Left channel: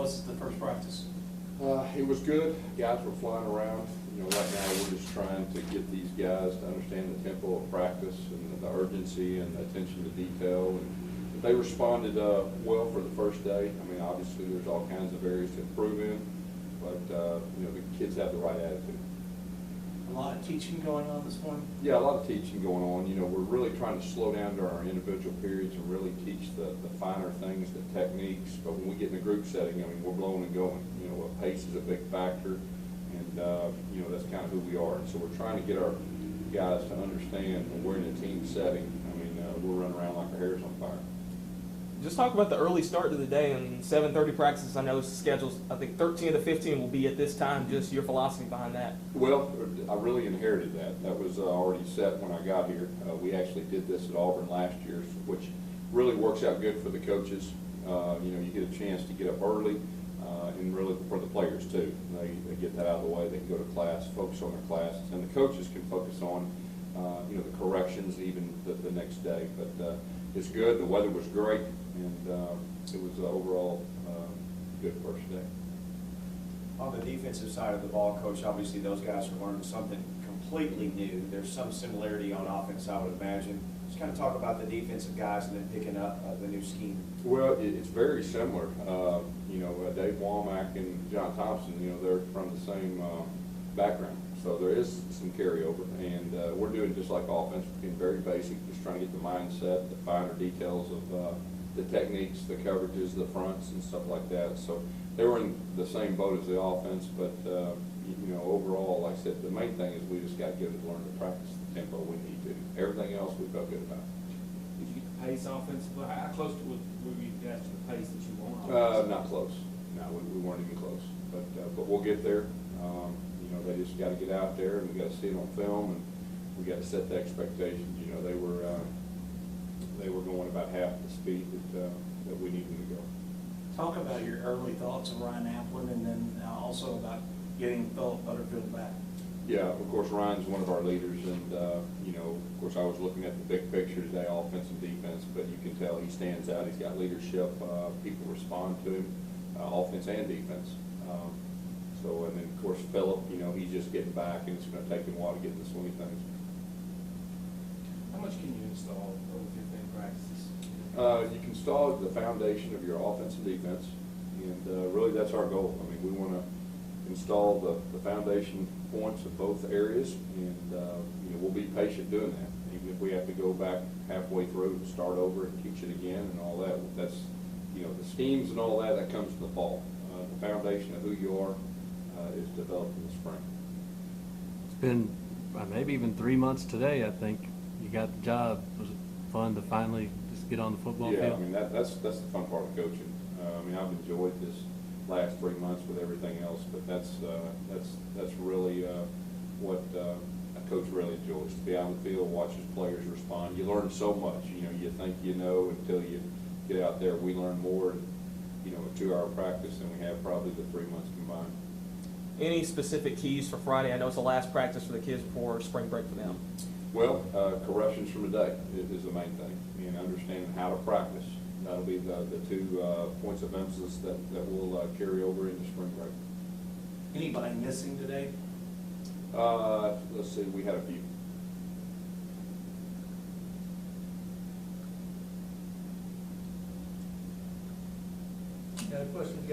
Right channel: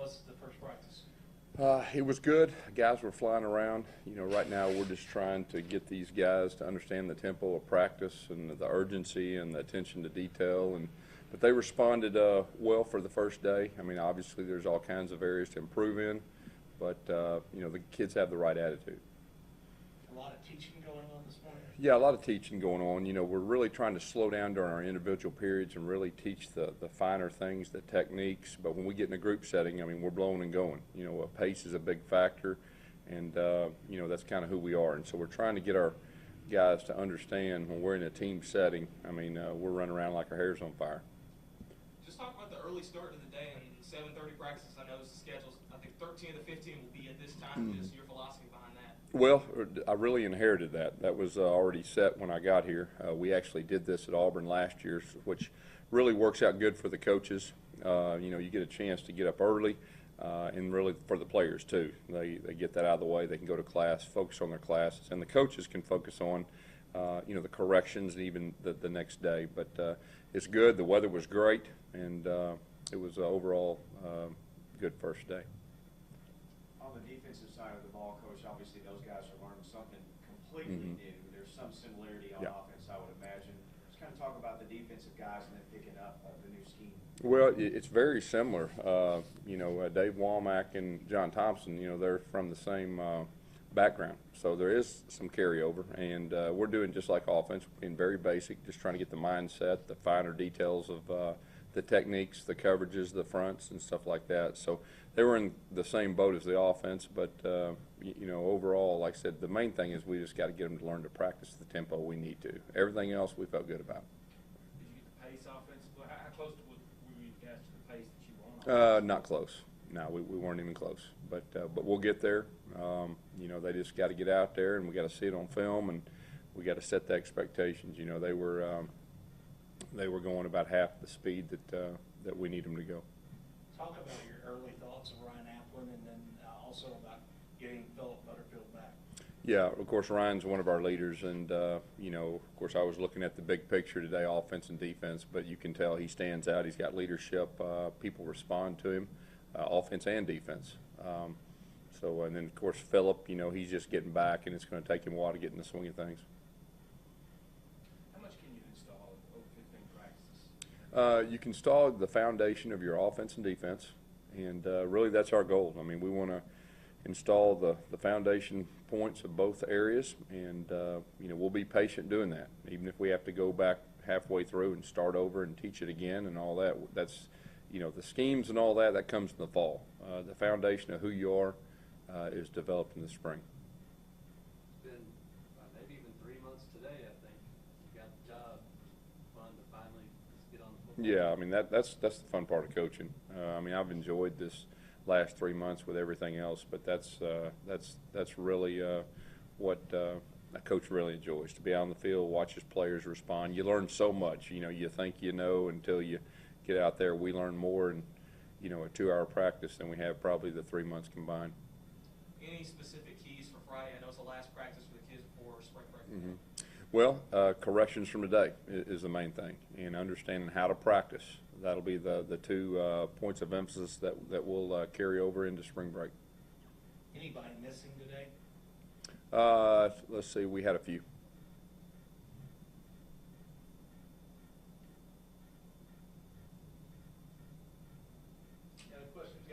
was the first practice? It was good. Guys were flying around. You know, right now we're just trying to get these guys to understand the tempo of practice and the urgency and the attention to detail. But they responded well for the first day. I mean, obviously there's all kinds of areas to improve in, but you know, the kids have the right attitude. A lot of teaching going on this morning? Yeah, a lot of teaching going on. You know, we're really trying to slow down during our individual periods and really teach the finer things, the techniques. But when we get in a group setting, I mean, we're blowing and going. You know, pace is a big factor, and you know, that's kind of who we are. And so we're trying to get our guys to understand when we're in a team setting. I mean, we're running around like our hair's on fire. Just talk about the early start to the day. I mean, 7:30 practices. I know schedules. I think 13 of the 15 will be at this time. Just your philosophy behind that. Well, I really inherited that. That was already set when I got here. We actually did this at Auburn last year, which really works out good for the coaches. You know, you get a chance to get up early, and really for the players too. They get that out of the way. They can go to class, focus on their classes, and the coaches can focus on you know, the corrections even the next day. But it's good. The weather was great, and it was overall good first day. On the defensive side of the ball, Coach, obviously those guys are learning something completely new. There's some similarity on offense, I would imagine. Just kind of talk about the defensive guys and then picking up the new scheme. Well, it's very similar. You know, Dave Womack and John Thompson, you know, they're from the same background. So there is some carryover, and we're doing just like offense, being very basic, just trying to get the mindset, the finer details of the techniques, the coverages, the fronts, and stuff like that. So they were in the same boat as the offense, but you know, overall, like I said, the main thing is we just got to get them to learn to practice the tempo we need to. Everything else we felt good about. Did you get the pace offensively? How close were you guys to the pace that you want? Not close. No, we weren't even close. But we'll get there. You know, they just got to get out there, and we got to see it on film, and we got to set the expectations. You know, they were going about half the speed that we need them to go. Talk about your early thoughts of Ryan Applin, and then also about getting Philip Butterfield back. Yeah, of course, Ryan's one of our leaders, and you know, of course, I was looking at the big picture today, offense and defense, but you can tell he stands out. He's got leadership. People respond to him, offense and defense. So, and then of course Philip, you know, he's just getting back, and it's going to take him a while to get in the swing of things. How much can you install over 15 practices? You can install the foundation of your offense and defense, and really that's our goal. I mean, we want to install the foundation points of both areas, and you know, we'll be patient doing that. Even if we have to go back halfway through and start over and teach it again and all that, that's, you know, the schemes and all that comes in the fall. The foundation of who you are is developed in the spring. It's been maybe even 3 months today, I think. You got the job. Was it fun to finally just get on the football field? Yeah, I mean, that's the fun part of coaching. I mean, I've enjoyed this last 3 months with everything else, but that's really what a coach really enjoys, to be out on the field, watch his players respond. You learn so much. You know, you think you know until you get out there. We learn more in, you know, a 2-hour practice than we have probably the 3 months combined. Any specific keys for Friday? I know it's the last practice for the kids before spring break for them. Well, corrections from today is the main thing, and understanding how to practice. That'll be the 2 points of emphasis that will carry over into spring break. Anybody missing today? Let's see, we had a few. Got a question?